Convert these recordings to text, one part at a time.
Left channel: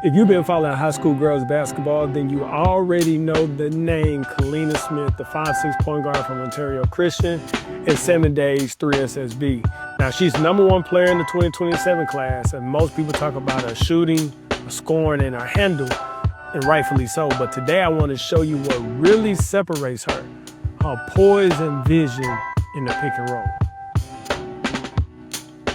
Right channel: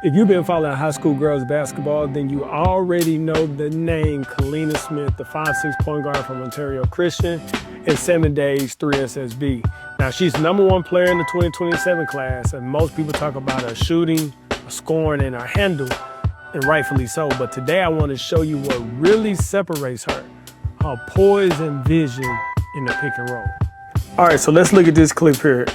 If you've been following high school girls basketball, then you already know the name Kaleena Smith, the 5'6" point guard from Ontario Christian and 7 Days 3SSB. Now, she's #1 player in the 2027 class, and most people talk about her shooting, her scoring, and her handle, and rightfully so. But today I want to show you what really separates her poise and vision in the pick and roll. All right, so let's look at this clip here.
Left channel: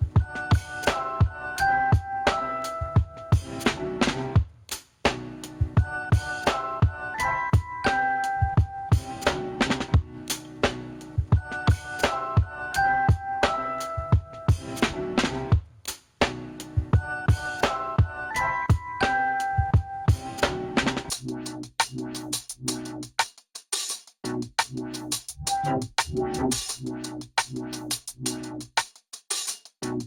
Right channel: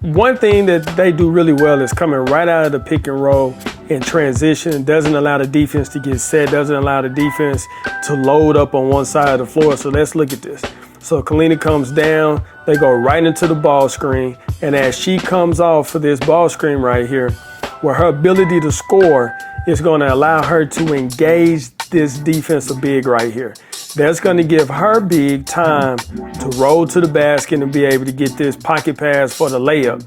One thing that they do really well is coming right out of the pick and roll in transition. Doesn't allow the defense to get set, doesn't allow the defense to load up on one side of the floor. So let's look at this. So Kaleena comes down, they go right into the ball screen, and as she comes off for this ball screen right here, where her ability to score is going to allow her to engage this defensive big right here. That's going to give her big time to roll to the basket and be able to get this pocket pass for the layup.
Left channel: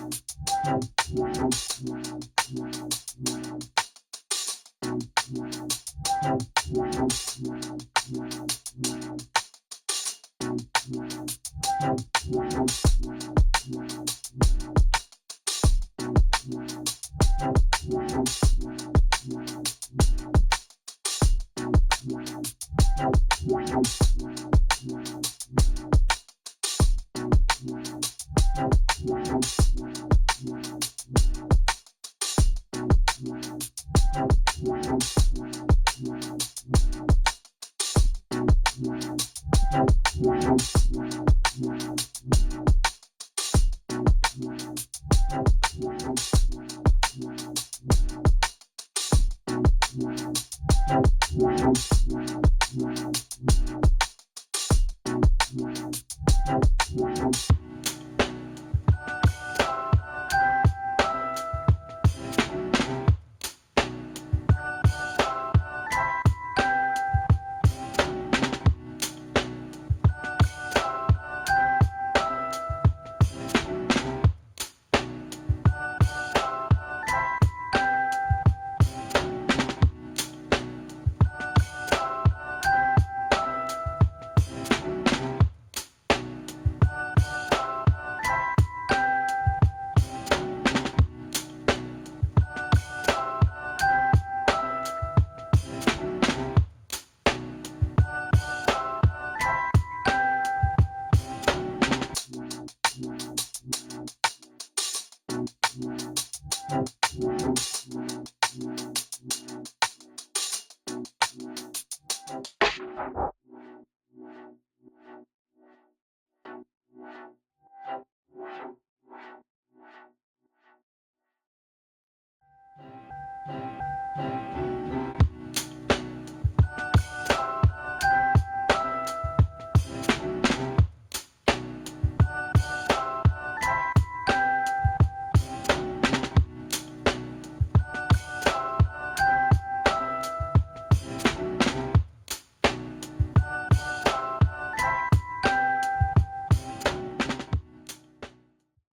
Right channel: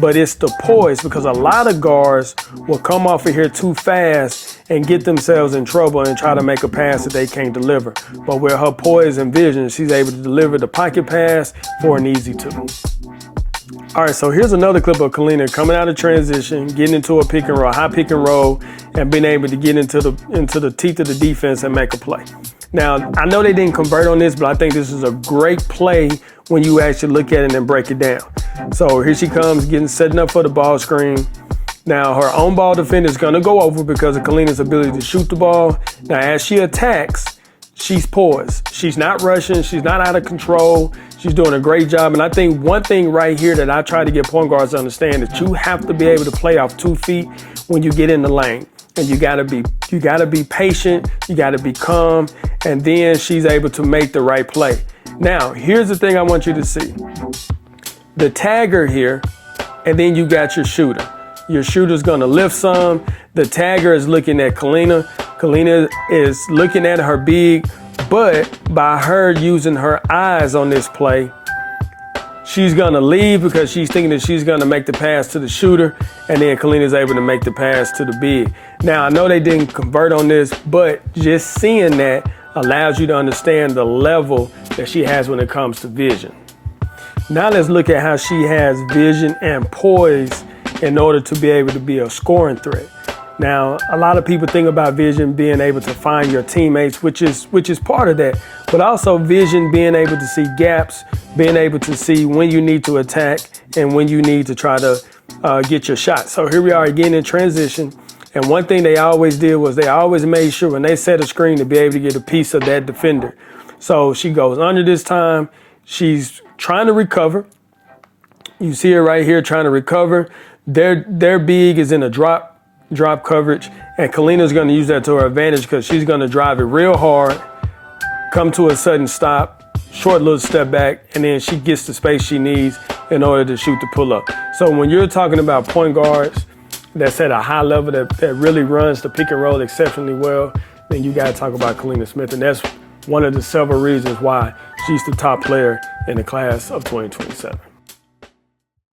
But it's the poise, because a lot of guards will come off of here too fast and get themselves in trouble and try to make a pass that they can't deliver. But with her poise and vision, she's able to deliver the pocket pass for an easy two. All right, so here's another clip of Kaleena coming out of transition, getting into a pick and roll, high pick and roll, and being able to get into the teeth of the defense and make a play. Now, I know they didn't convert on this, but I think this is a great play when you actually look at it and break it down. So here she comes, setting up for the ball screen. Now, her own ball defender is going to go over because of Kaleena's ability to shoot the ball. Now, as she attacks, she's poised. She's not rushing. She's not out of control. She's doing a great job. And I think one thing right here that I try to get point guards to understand that you have to be able to play off 2 feet when you get in the lane. And you gotta be patient, you gotta be calm, and then she's able to make the right play. Now, here's the thing I want you to see. The tagger here, and then you got your shooter. Your shooter's gonna lift some. The tagger is looking at Kaleena. Kaleena is looking at her big, but by her using her eyes on this play, she's gonna leave because she's thinking that she's gonna make the pass to the shooter, and then Kaleena's able to make the pass to the big. Now, I know they didn't convert on this, but just seeing that allows you to understand the level that she has when it comes to vision. Now let's look at how she has vision and poise in order to be able to be a scoring threat. Now, a lot of people think about vision being able to find your teammates, which is part of that, but also vision being able to see gaps, being able to see when you need to attack and when you need to try to get your shot. So here we are again in transition. And one thing they always did was they always made sure when they set a screen to be able to get a piece of that defender. So she goes under this time. She's trying to recover. You see her right here trying to recover. Their big is in a drop coverage, and Kaleena's going to use that to her advantage because she's going to drive it real hard, come to a sudden stop, short little step back, and then she gets the space she needs in order to shoot the pull-up. So when you're talking about point guards that's at a high level that really runs the pick and roll exceptionally well, then you got to talk about Kaleena Smith, and that's one of the several reasons why she's the top player in the class of 2027.